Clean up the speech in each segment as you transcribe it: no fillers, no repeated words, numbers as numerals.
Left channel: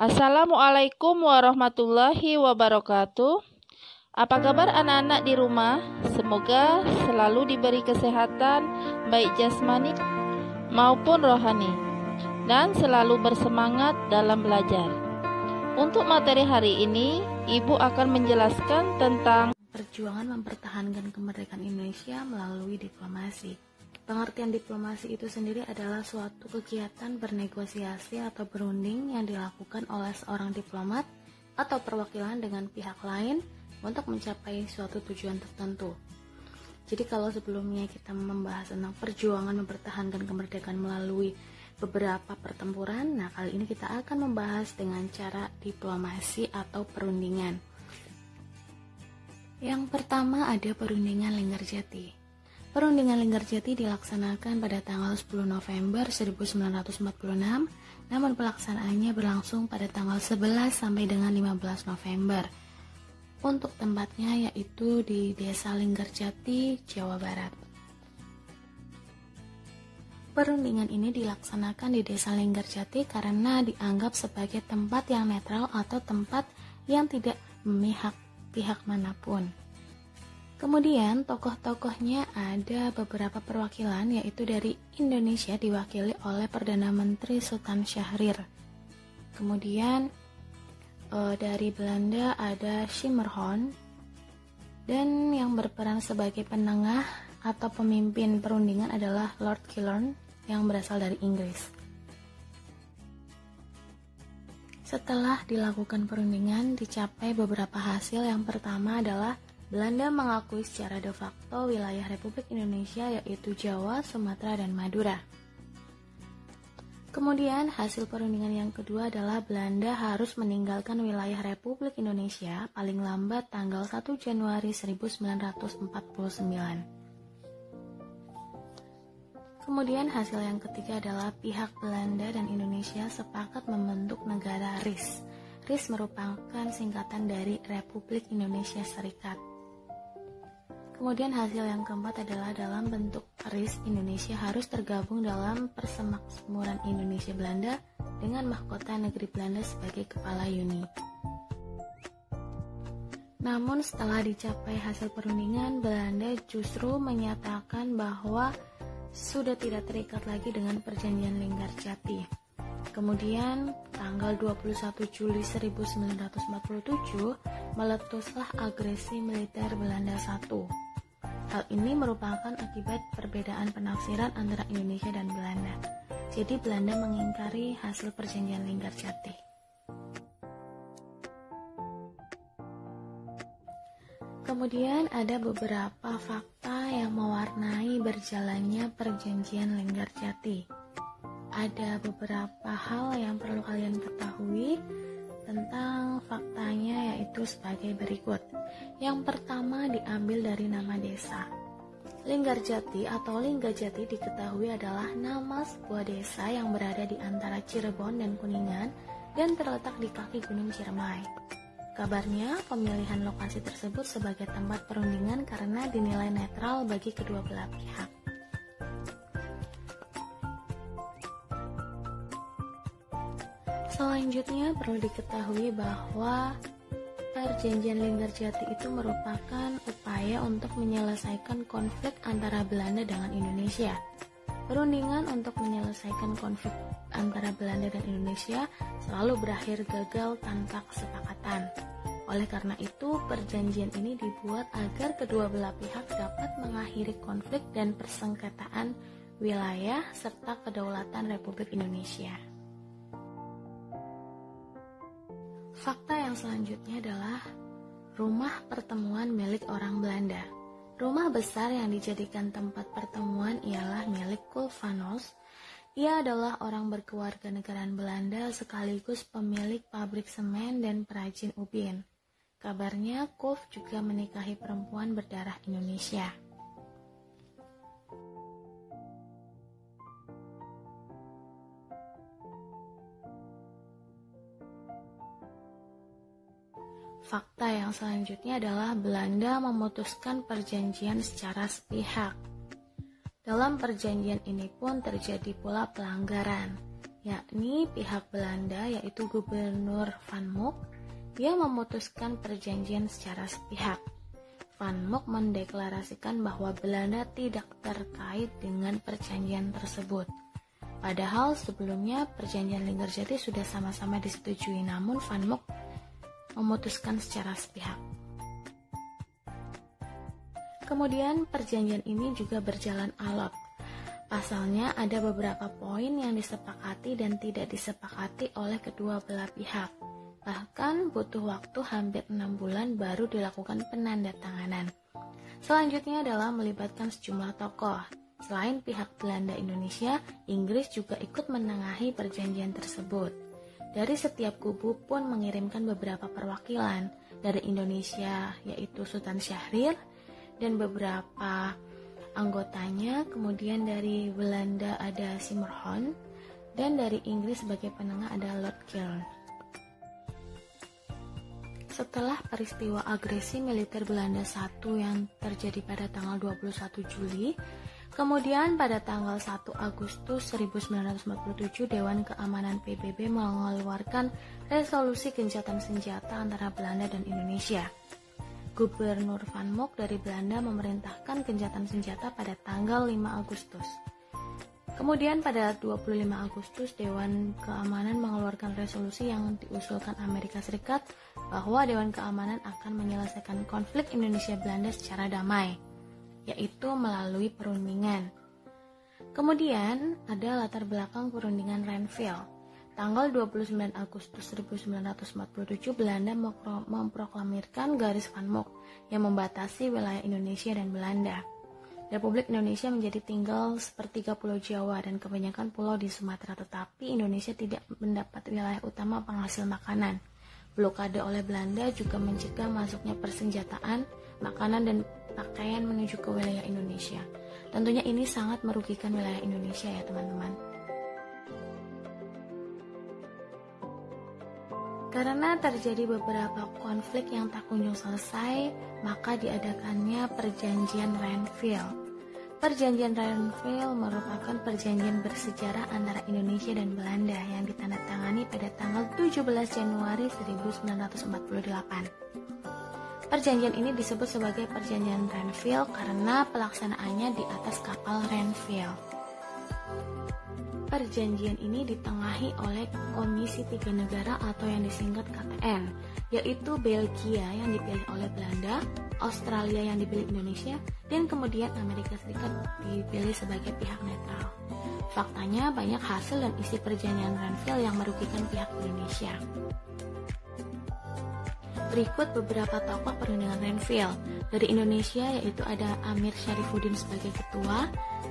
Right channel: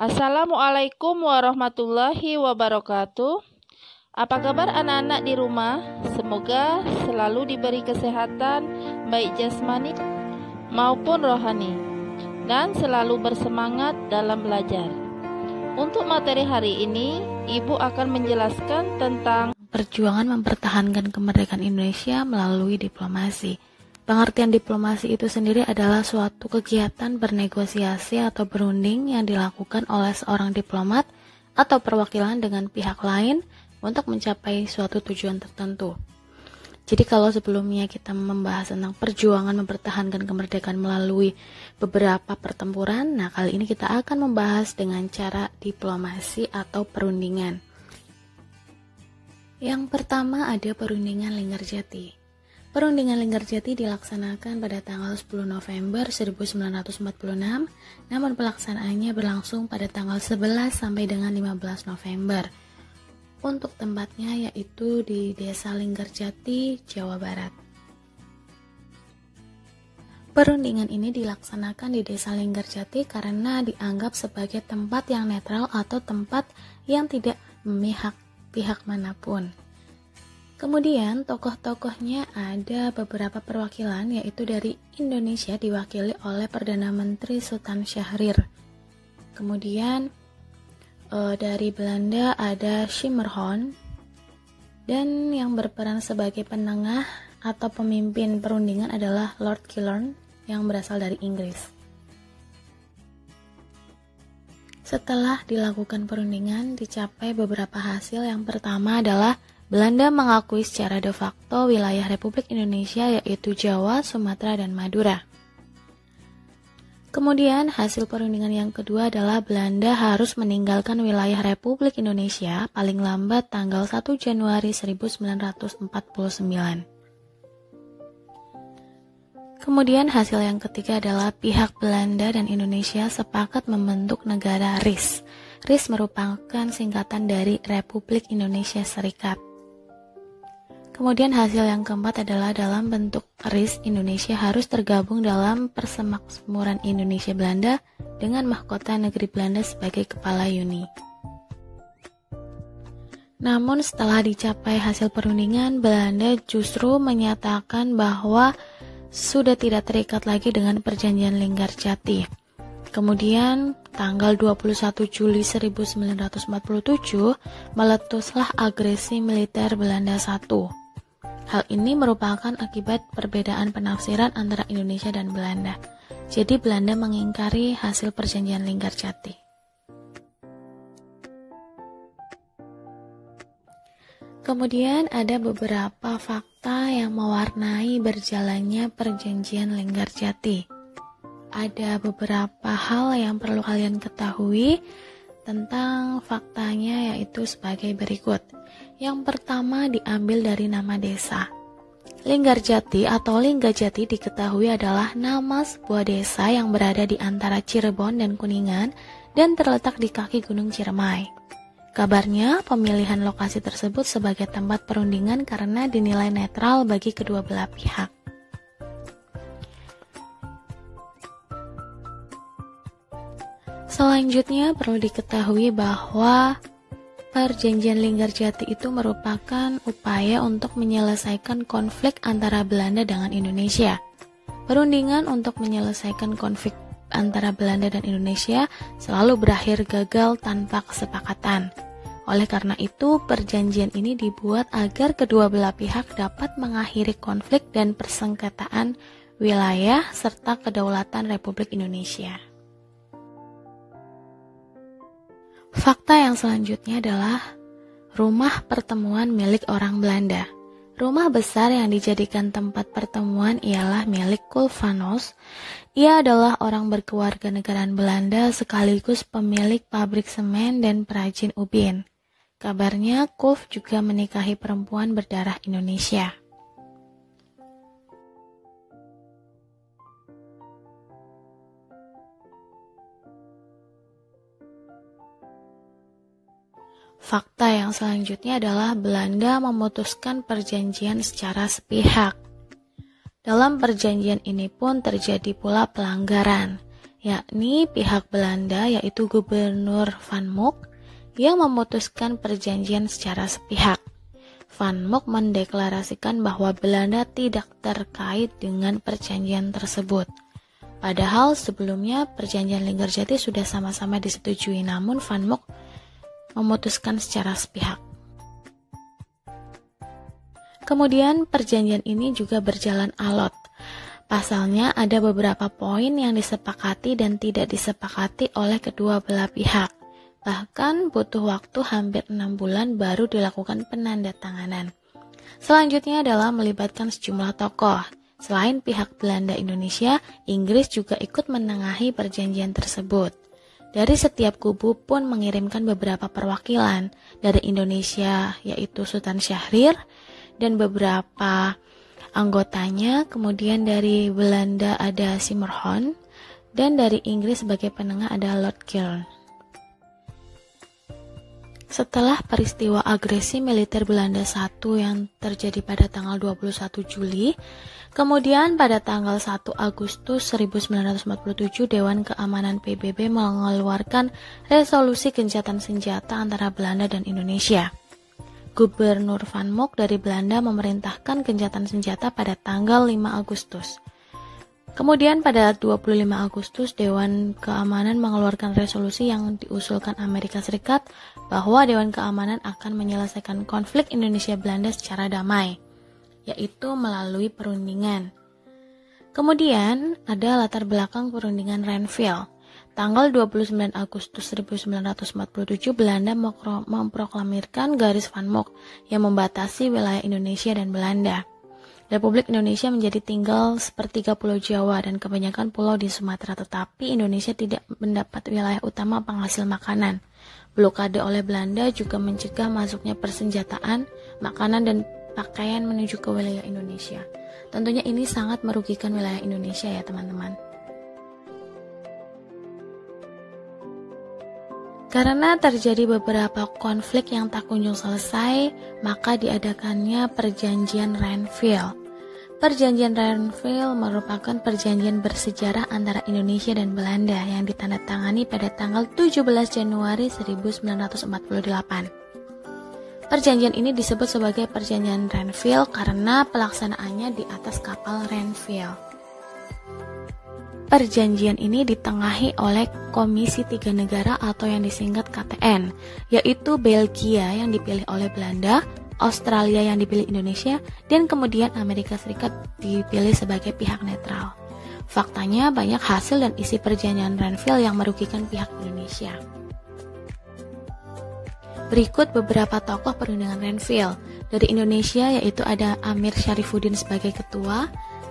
Assalamualaikum warahmatullahi wabarakatuh. Apa kabar anak-anak di rumah? Semoga selalu diberi kesehatan baik jasmani maupun rohani dan selalu bersemangat dalam belajar. Untuk materi hari ini, Ibu akan menjelaskan tentang perjuangan mempertahankan kemerdekaan Indonesia melalui diplomasi. Pengertian diplomasi itu sendiri adalah suatu kegiatan bernegosiasi atau berunding yang dilakukan oleh seorang diplomat atau perwakilan dengan pihak lain untuk mencapai suatu tujuan tertentu. Jadi kalau sebelumnya kita membahas tentang perjuangan mempertahankan kemerdekaan melalui beberapa pertempuran, nah kali ini kita akan membahas dengan cara diplomasi atau perundingan. Yang pertama ada perundingan Linggarjati. Perundingan Linggarjati dilaksanakan pada tanggal 10 November 1946, namun pelaksanaannya berlangsung pada tanggal 11 sampai dengan 15 November. Untuk tempatnya yaitu di Desa Linggarjati, Jawa Barat. Perundingan ini dilaksanakan di Desa Linggarjati karena dianggap sebagai tempat yang netral atau tempat yang tidak memihak pihak manapun. Kemudian tokoh-tokohnya ada beberapa perwakilan, yaitu dari Indonesia diwakili oleh Perdana Menteri Sultan Syahrir. Kemudian dari Belanda ada Schemerhorn, dan yang berperan sebagai penengah atau pemimpin perundingan adalah Lord Killorn yang berasal dari Inggris. Setelah dilakukan perundingan, dicapai beberapa hasil. Yang pertama adalah Belanda mengakui secara de facto wilayah Republik Indonesia yaitu Jawa, Sumatera, dan Madura. Kemudian hasil perundingan yang kedua adalah Belanda harus meninggalkan wilayah Republik Indonesia paling lambat tanggal 1 Januari 1949. Kemudian hasil yang ketiga adalah pihak Belanda dan Indonesia sepakat membentuk negara RIS. RIS merupakan singkatan dari Republik Indonesia Serikat. Kemudian hasil yang keempat adalah dalam bentuk RIS, Indonesia harus tergabung dalam Persemakmuran Indonesia Belanda dengan mahkota negeri Belanda sebagai kepala Uni. Namun setelah dicapai hasil perundingan, Belanda justru menyatakan bahwa sudah tidak terikat lagi dengan perjanjian Linggarjati. Kemudian tanggal 21 Juli 1947 meletuslah agresi militer Belanda I. Hal ini merupakan akibat perbedaan penafsiran antara Indonesia dan Belanda. Jadi Belanda mengingkari hasil perjanjian Linggarjati. Kemudian ada beberapa fakta yang mewarnai berjalannya perjanjian Linggarjati. Ada beberapa hal yang perlu kalian ketahui tentang faktanya, yaitu sebagai berikut. Yang pertama diambil dari nama desa. Linggarjati atau Linggajati diketahui adalah nama sebuah desa yang berada di antara Cirebon dan Kuningan dan terletak di kaki Gunung Ciremai. Kabarnya pemilihan lokasi tersebut sebagai tempat perundingan karena dinilai netral bagi kedua belah pihak. Selanjutnya perlu diketahui bahwa perjanjian Linggarjati itu merupakan upaya untuk menyelesaikan konflik antara Belanda dengan Indonesia. Perundingan untuk menyelesaikan konflik antara Belanda dan Indonesia selalu berakhir gagal tanpa kesepakatan. Oleh karena itu, perjanjian ini dibuat agar kedua belah pihak dapat mengakhiri konflik dan persengketaan wilayah serta kedaulatan Republik Indonesia. Fakta yang selanjutnya adalah rumah pertemuan milik orang Belanda. Rumah besar yang dijadikan tempat pertemuan ialah milik Kulf van Os. Ia adalah orang berkewarganegaraan Belanda sekaligus pemilik pabrik semen dan perajin ubin. Kabarnya Kulf juga menikahi perempuan berdarah Indonesia. Fakta yang selanjutnya adalah Belanda memutuskan perjanjian secara sepihak. Dalam perjanjian ini pun terjadi pula pelanggaran. yakni pihak Belanda yaitu Gubernur Van Mook yang memutuskan perjanjian secara sepihak. Van Mook mendeklarasikan bahwa Belanda tidak terkait dengan perjanjian tersebut. Padahal sebelumnya perjanjian Linggarjati sudah sama-sama disetujui, namun Van Mook memutuskan secara sepihak. Kemudian perjanjian ini juga berjalan alot. Pasalnya ada beberapa poin yang disepakati dan tidak disepakati oleh kedua belah pihak. Bahkan butuh waktu hampir 6 bulan baru dilakukan penandatanganan. Selanjutnya adalah melibatkan sejumlah tokoh. Selain pihak Belanda Indonesia, Inggris juga ikut menengahi perjanjian tersebut. Dari setiap kubu pun mengirimkan beberapa perwakilan. Dari Indonesia yaitu Sultan Syahrir dan beberapa anggotanya, kemudian dari Belanda ada Simmerhorn, dan dari Inggris sebagai penengah ada Lord Kiln. Setelah peristiwa agresi militer Belanda I yang terjadi pada tanggal 21 Juli, kemudian pada tanggal 1 Agustus 1947 Dewan Keamanan PBB mengeluarkan resolusi gencatan senjata antara Belanda dan Indonesia. Gubernur Van Mook dari Belanda memerintahkan gencatan senjata pada tanggal 5 Agustus. Kemudian pada 25 Agustus Dewan Keamanan mengeluarkan resolusi yang diusulkan Amerika Serikat bahwa Dewan Keamanan akan menyelesaikan konflik Indonesia-Belanda secara damai, yaitu melalui perundingan. Kemudian ada latar belakang perundingan Renville. Tanggal 29 Agustus 1947 Belanda memproklamirkan garis Van Mook yang membatasi wilayah Indonesia dan Belanda. Republik Indonesia menjadi tinggal sepertiga Pulau Jawa dan kebanyakan pulau di Sumatera, tetapi Indonesia tidak mendapat wilayah utama penghasil makanan. Blokade oleh Belanda juga mencegah masuknya persenjataan, makanan dan pakaian menuju ke wilayah Indonesia. Tentunya ini sangat merugikan wilayah Indonesia ya teman-teman. Karena terjadi beberapa konflik yang tak kunjung selesai, maka diadakannya Perjanjian Renville. Perjanjian Renville merupakan perjanjian bersejarah antara Indonesia dan Belanda yang ditandatangani pada tanggal 17 Januari 1948. Perjanjian ini disebut sebagai Perjanjian Renville karena pelaksanaannya di atas kapal Renville. Perjanjian ini ditengahi oleh Komisi Tiga Negara atau yang disingkat KTN, yaitu Belgia yang dipilih oleh Belanda, Australia yang dipilih Indonesia, dan kemudian Amerika Serikat dipilih sebagai pihak netral. Faktanya banyak hasil dan isi perjanjian Renville yang merugikan pihak Indonesia. Berikut beberapa tokoh perundingan Renville. Dari Indonesia yaitu ada Amir Syarifuddin sebagai ketua,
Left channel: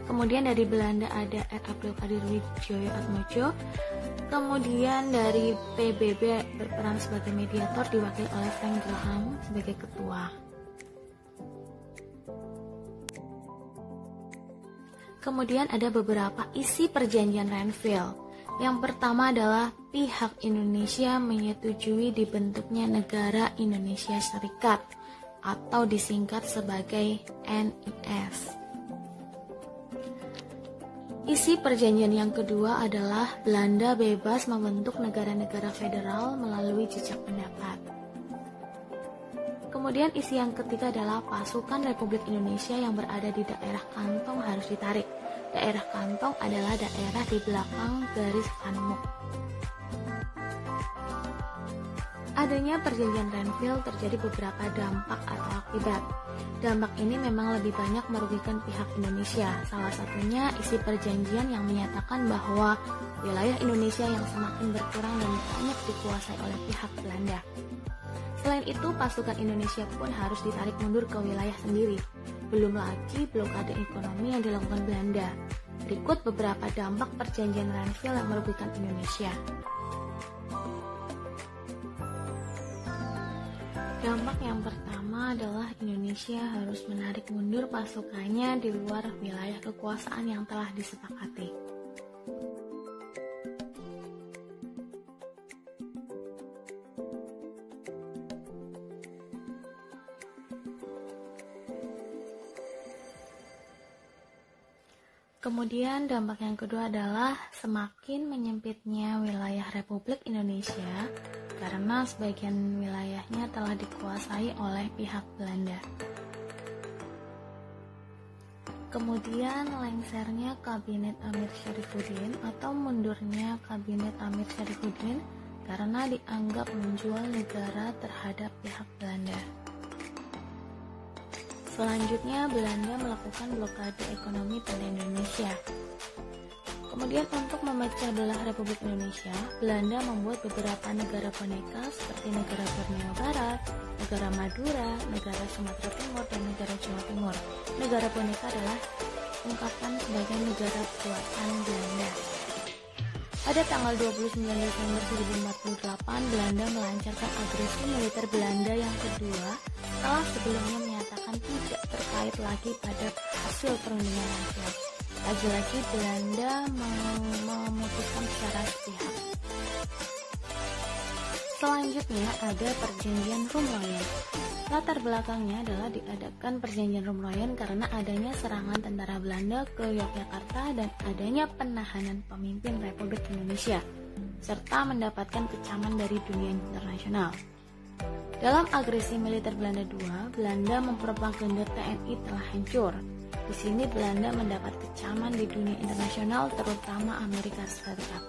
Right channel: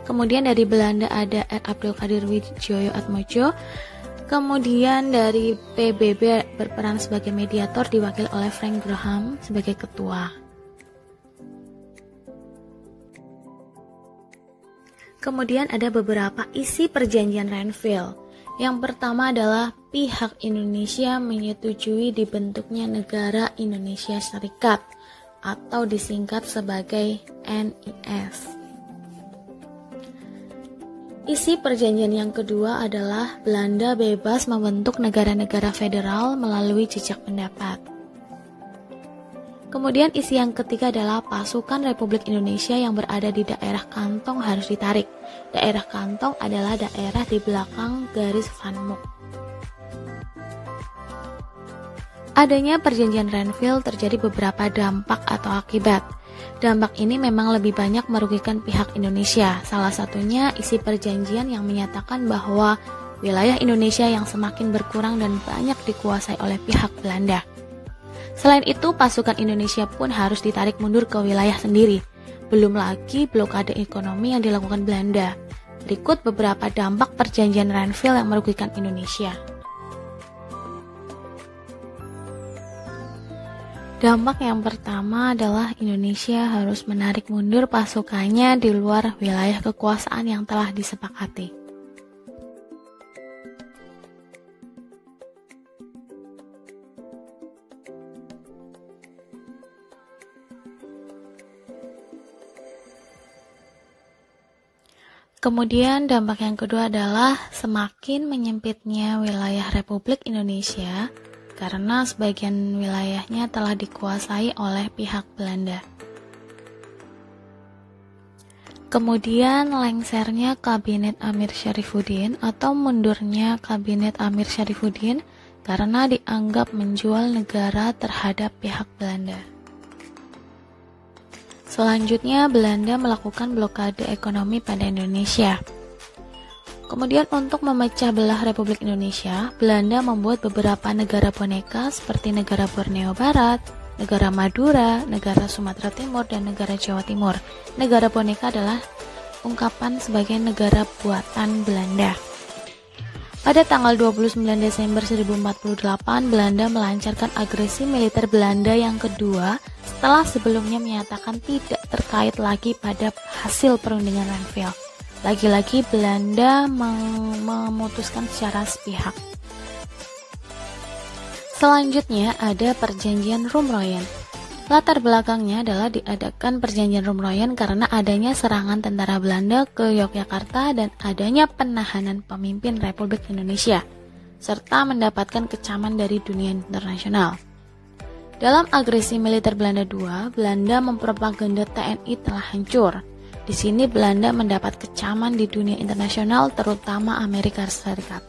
kemudian dari Belanda ada R. Abdul Qadir Widjoyo Atmojo, kemudian dari PBB berperan sebagai mediator diwakili oleh Frank Graham sebagai ketua. Kemudian ada beberapa isi perjanjian Renville. Yang pertama adalah pihak Indonesia menyetujui dibentuknya negara Indonesia Serikat atau disingkat sebagai NIS. Isi perjanjian yang kedua adalah Belanda bebas membentuk negara-negara federal melalui jejak pendapat. Kemudian isi yang ketiga adalah pasukan Republik Indonesia yang berada di daerah kantong harus ditarik. Daerah kantong adalah daerah di belakang garis Van Mook. Adanya perjanjian Renville terjadi beberapa dampak atau akibat. Dampak ini memang lebih banyak merugikan pihak Indonesia. Salah satunya isi perjanjian yang menyatakan bahwa wilayah Indonesia yang semakin berkurang dan banyak dikuasai oleh pihak Belanda. Selain itu, pasukan Indonesia pun harus ditarik mundur ke wilayah sendiri. Belum lagi blokade ekonomi yang dilakukan Belanda. Berikut beberapa dampak perjanjian Renville yang merugikan Indonesia. Dampak yang pertama adalah Indonesia harus menarik mundur pasukannya di luar wilayah kekuasaan yang telah disepakati. Kemudian dampak yang kedua adalah semakin menyempitnya wilayah Republik Indonesia karena sebagian wilayahnya telah dikuasai oleh pihak Belanda. Kemudian lengsernya Kabinet Amir Syarifuddin atau mundurnya Kabinet Amir Syarifuddin karena dianggap menjual negara terhadap pihak Belanda. Selanjutnya, Belanda melakukan blokade ekonomi pada Indonesia. Kemudian untuk memecah belah Republik Indonesia, Belanda membuat beberapa negara boneka seperti negara Borneo Barat, negara Madura, negara Sumatera Timur, dan negara Jawa Timur. Negara boneka adalah ungkapan sebagai negara buatan Belanda. Pada tanggal 29 Desember 1048, Belanda melancarkan agresi militer Belanda yang kedua setelah sebelumnya menyatakan tidak terkait lagi pada hasil perundingan Renville. Lagi-lagi Belanda memutuskan secara sepihak. Selanjutnya ada Perjanjian Rumroyen. Latar belakangnya adalah diadakan Perjanjian Rumroyen karena adanya serangan tentara Belanda ke Yogyakarta dan adanya penahanan pemimpin Republik Indonesia, serta mendapatkan kecaman dari dunia internasional. Dalam agresi militer Belanda II, Belanda mempropaganda TNI telah hancur. Di sini Belanda mendapat kecaman di dunia internasional, terutama Amerika Serikat.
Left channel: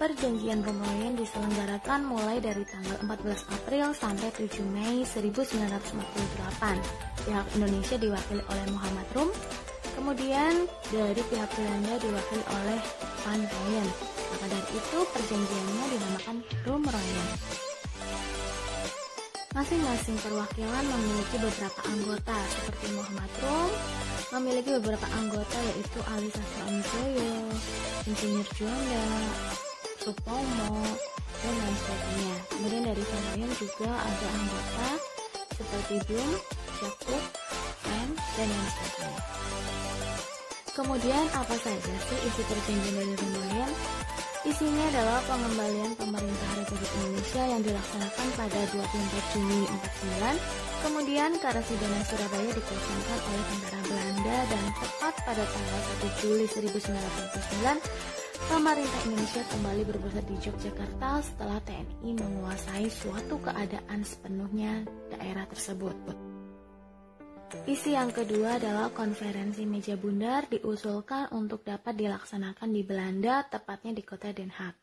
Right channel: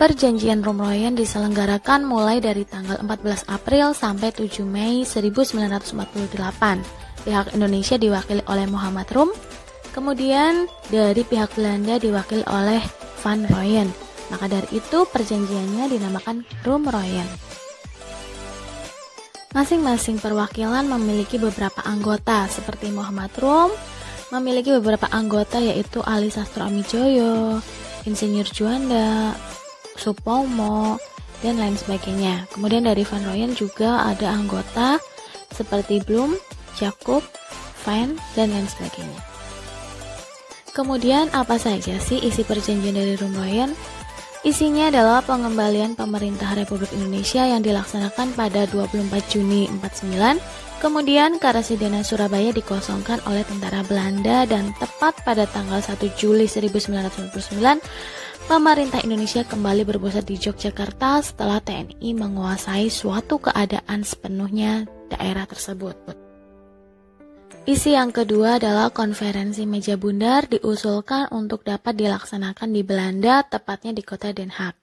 Perjanjian Rumroyen diselenggarakan mulai dari tanggal 14 April sampai 7 Mei 1948. Pihak Indonesia diwakili oleh Muhammad Rum, kemudian dari pihak Belanda diwakili oleh Van Rooyen. Maka dari itu perjanjiannya dinamakan Rumroyen. Masing-masing perwakilan memiliki beberapa anggota, seperti Muhammad Rum memiliki beberapa anggota yaitu Ali Sastro Amijoyo, Insinyur Juanda, Supomo, dan lain sebagainya. Kemudian dari Van Rooyen juga ada anggota seperti Blum, Jacob, Van, dan lain sebagainya. Kemudian apa saja sih isi perjanjian dari Rumroyen? Isinya adalah pengembalian pemerintah Republik Indonesia yang dilaksanakan pada 24 Juni 49. Kemudian Karasidenan Surabaya dikosongkan oleh tentara Belanda dan tepat pada tanggal 1 Juli 1949 pemerintah Indonesia kembali berpusat di Yogyakarta setelah TNI menguasai suatu keadaan sepenuhnya daerah tersebut. Isi yang kedua adalah konferensi meja bundar diusulkan untuk dapat dilaksanakan di Belanda, tepatnya di kota Den Haag.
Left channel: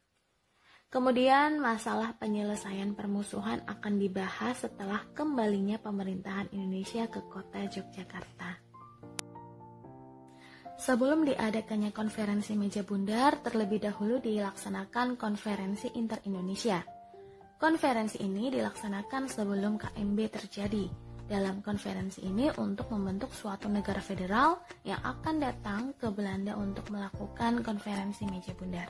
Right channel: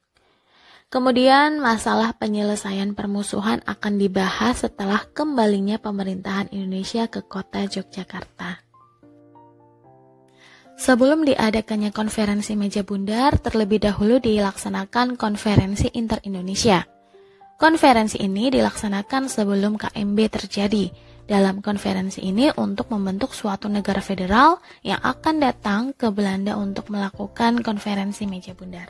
Kemudian masalah penyelesaian permusuhan akan dibahas setelah kembalinya pemerintahan Indonesia ke kota Yogyakarta. Sebelum diadakannya konferensi meja bundar, terlebih dahulu dilaksanakan konferensi inter-Indonesia. Konferensi ini dilaksanakan sebelum KMB terjadi. Dalam konferensi ini untuk membentuk suatu negara federal yang akan datang ke Belanda untuk melakukan konferensi meja bundar.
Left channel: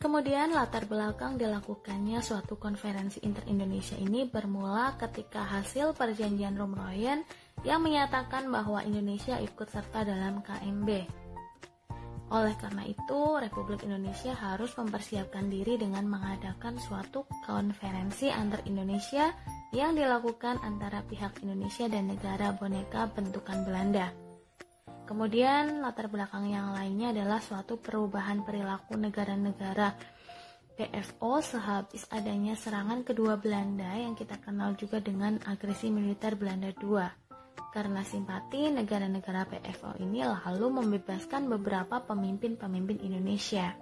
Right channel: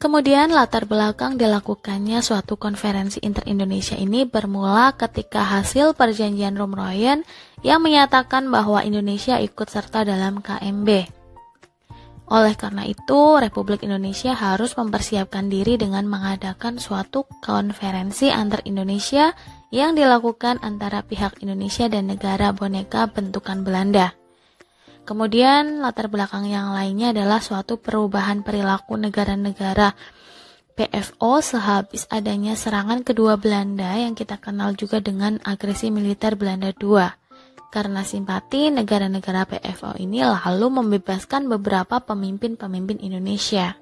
Kemudian latar belakang dilakukannya suatu konferensi inter-Indonesia ini bermula ketika hasil perjanjian Rumroyen yang menyatakan bahwa Indonesia ikut serta dalam KMB. Oleh karena itu, Republik Indonesia harus mempersiapkan diri dengan mengadakan suatu konferensi antar Indonesia yang dilakukan antara pihak Indonesia dan negara boneka bentukan Belanda. Kemudian latar belakang yang lainnya adalah suatu perubahan perilaku negara-negara PFO sehabis adanya serangan kedua Belanda yang kita kenal juga dengan agresi militer Belanda II. Karena simpati, negara-negara PFO ini lalu membebaskan beberapa pemimpin-pemimpin Indonesia.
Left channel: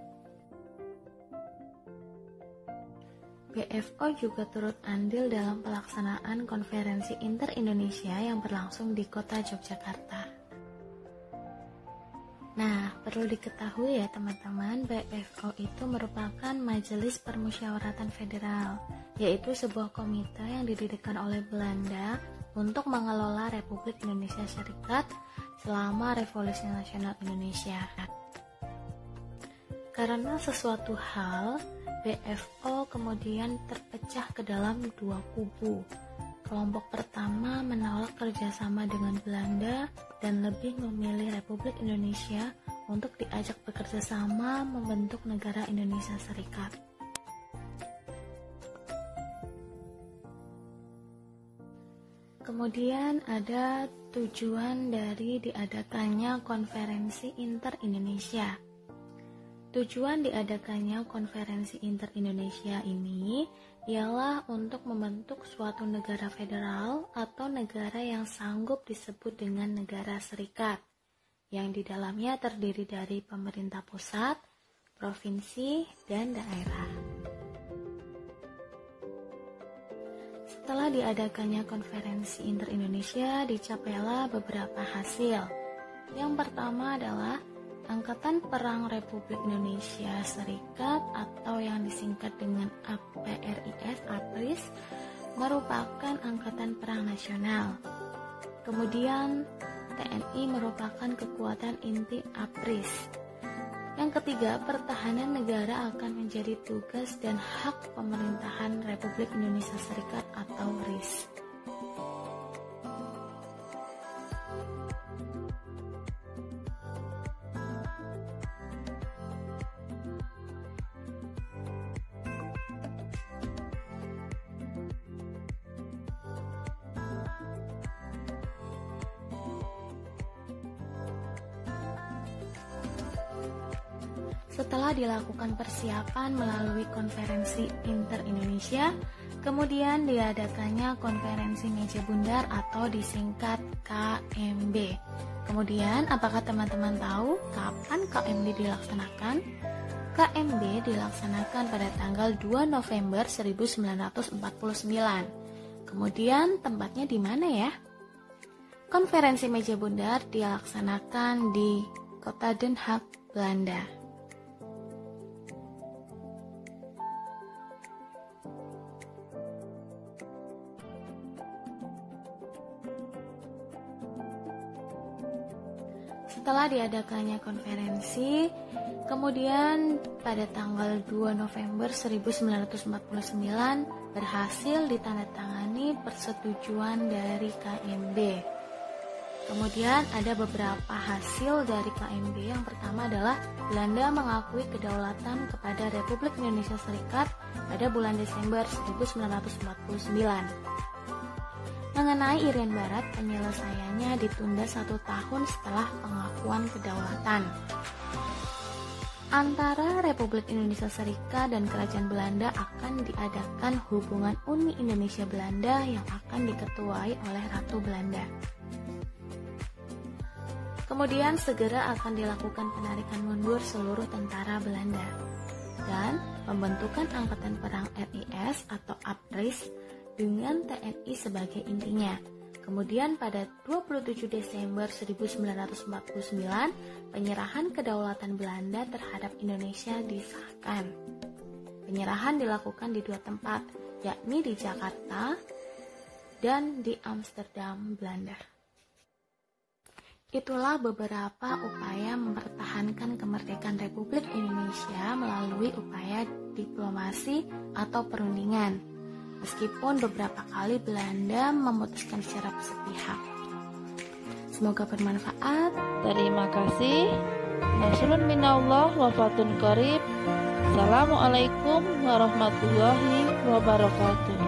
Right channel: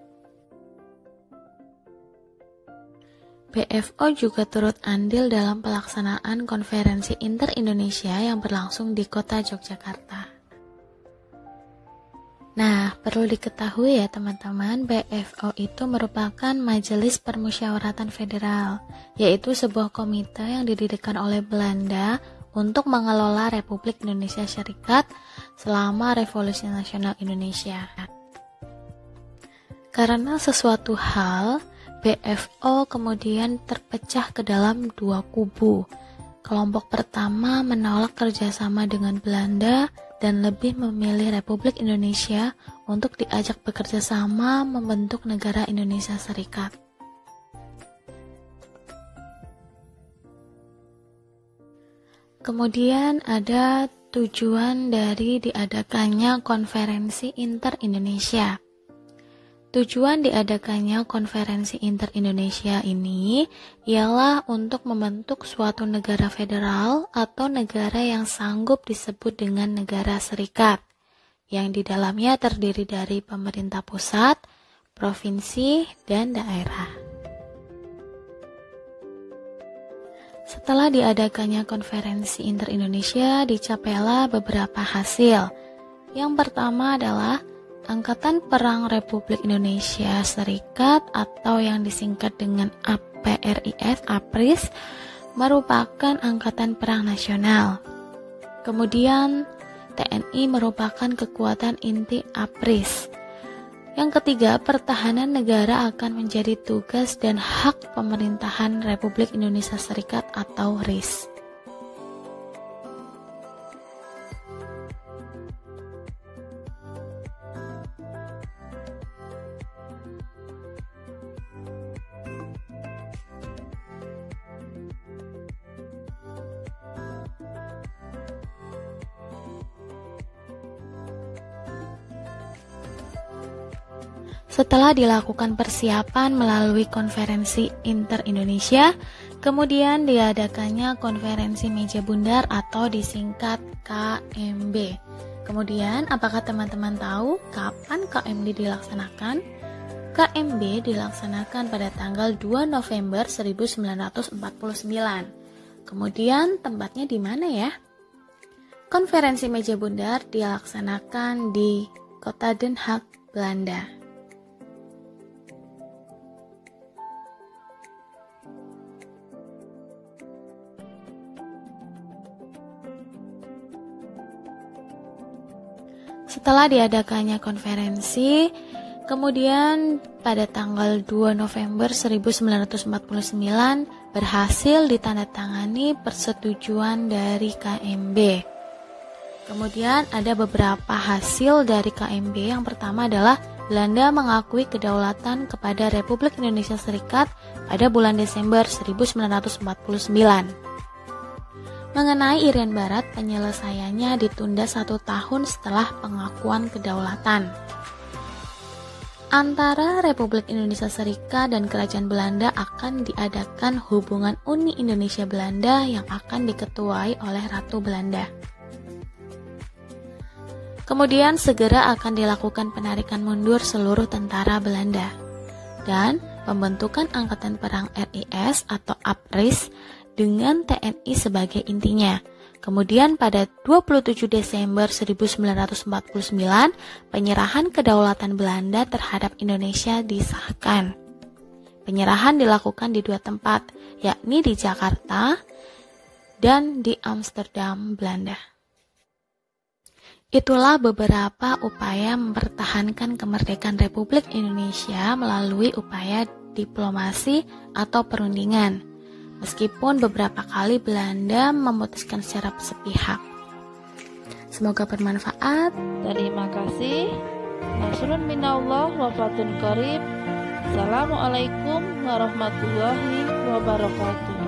PFO juga turut andil dalam pelaksanaan konferensi inter-Indonesia yang berlangsung di kota Yogyakarta. Nah, perlu diketahui ya teman-teman, PFO itu merupakan Majelis Permusyawaratan Federal, yaitu sebuah komite yang didirikan oleh Belanda untuk mengelola Republik Indonesia Serikat selama Revolusi Nasional Indonesia. Karena sesuatu hal, PFO kemudian terpecah ke dalam dua kubu. Kelompok pertama menolak kerjasama dengan Belanda dan lebih memilih Republik Indonesia untuk diajak bekerja sama membentuk negara Indonesia Serikat. Kemudian ada tujuan dari diadakannya konferensi inter-Indonesia. Tujuan diadakannya konferensi inter-Indonesia ini ialah untuk membentuk suatu negara federal atau negara yang sanggup disebut dengan negara serikat, yang di dalamnya terdiri dari pemerintah pusat, provinsi, dan daerah. Setelah diadakannya konferensi inter-Indonesia, dicapailah beberapa hasil. Yang pertama adalah Angkatan Perang Republik Indonesia Serikat atau yang disingkat dengan APRIS merupakan angkatan perang nasional. Kemudian TNI merupakan kekuatan inti APRIS. Yang ketiga, pertahanan negara akan menjadi tugas dan hak pemerintahan Republik Indonesia Serikat atau RIS. Setelah dilakukan persiapan melalui konferensi inter-Indonesia, kemudian diadakannya konferensi meja bundar atau disingkat KMB. Kemudian, apakah teman-teman tahu kapan KMB dilaksanakan? KMB dilaksanakan pada tanggal 2 November 1949. Kemudian, tempatnya di mana ya? Konferensi meja bundar dilaksanakan di Kota Den Haag, Belanda. Setelah diadakannya konferensi, kemudian pada tanggal 2 November 1949 berhasil ditandatangani persetujuan dari KMB. Kemudian ada beberapa hasil dari KMB. Yang pertama adalah Belanda mengakui kedaulatan kepada Republik Indonesia Serikat pada bulan Desember 1949. Mengenai Irian Barat, penyelesaiannya ditunda 1 tahun setelah pengakuan kedaulatan. Antara Republik Indonesia Serikat dan Kerajaan Belanda akan diadakan hubungan Uni Indonesia Belanda yang akan diketuai oleh Ratu Belanda. Kemudian segera akan dilakukan penarikan mundur seluruh tentara Belanda dan pembentukan Angkatan Perang RIS atau APRIS dengan TNI sebagai intinya. Kemudian pada 27 Desember 1949, penyerahan kedaulatan Belanda terhadap Indonesia disahkan. Penyerahan dilakukan di 2 tempat, yakni di Jakarta dan di Amsterdam, Belanda. Itulah beberapa upaya mempertahankan kemerdekaan Republik Indonesia melalui upaya diplomasi atau perundingan. Meskipun beberapa kali Belanda memutuskan secara sepihak. Semoga bermanfaat. Terima kasih. Nasrun minallah wa fatun qarib. Assalamualaikum warahmatullahi wabarakatuh.